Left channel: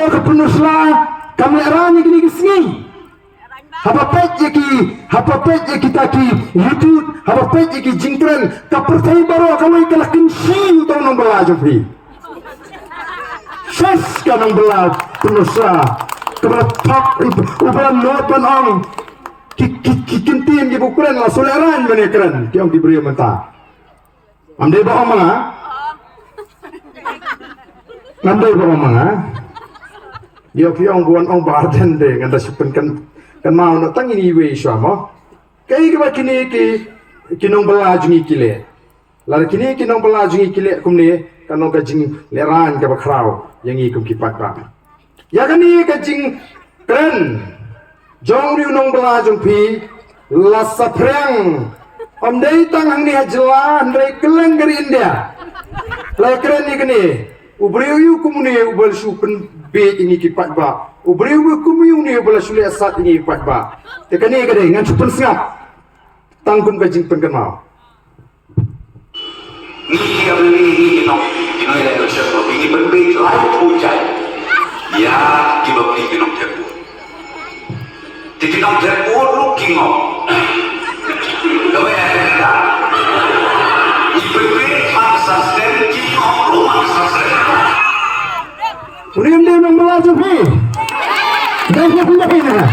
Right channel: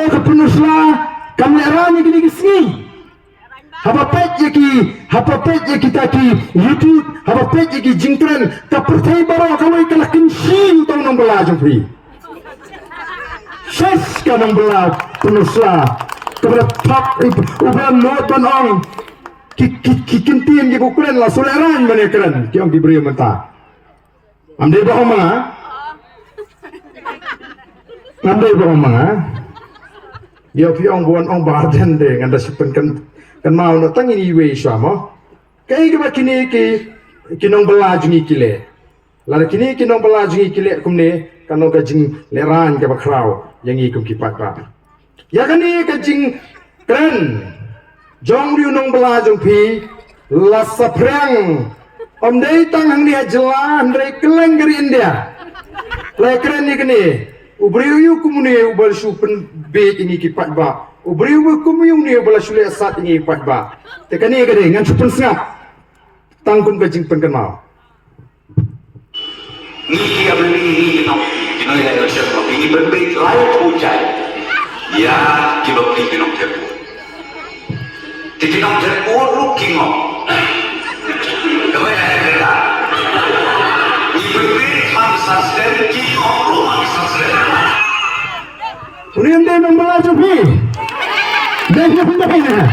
hato ke penusla kami arani gini gisingi haba pet je kita ki YouTube haba pet je ki jingkren ka pertai baro kalau ikalakin si utang nang bela jumpi ses kanang bela penusla kepada top uban notan ong kintin je bukuran la soleran menekran ki ong diberi menta amde ba oma ngamdai ba oma yo pi ong bon ong barden de nganda sipen kan mau no tangi ni we swamo kai ke bakini ki kinong bela jungi kile la kini kinong bela jungi kile kumne kanong ka jing leran ka bakrau yang i kum kipat ba ya kani ka jing kren jong riu nong bela jung pi la sapreng om dei tang hang ni ajla andre keleng gari india la kren ni kini ubriu kumne ubal su pen be tingi kipat ba ubriu kumyu ni ubal su le asat tingi kipat ba te kani gade ngan su pen sngap tangkum ka jing pen kenal ni ka ni no no ya no se no ni pen be lai thu chai ya ki lo ki no te ti no te o lu ki no Kau yang ada, ibu man sustain, kita rumah sustain. Riam dia membela Jufi, dah dia pindah pindah,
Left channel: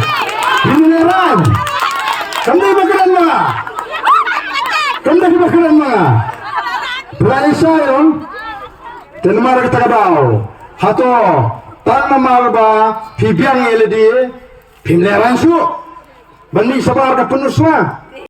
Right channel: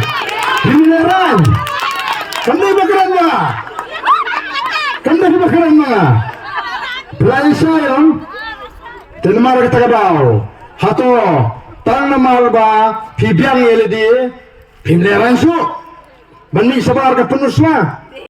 ini leran. Kami bakaran mana? Kami bakaran mana? Pelai sayang, tenmar kita kabau, hato tang nama ba, pibiang ele dia, pim leran su, bani sabar ke penusma.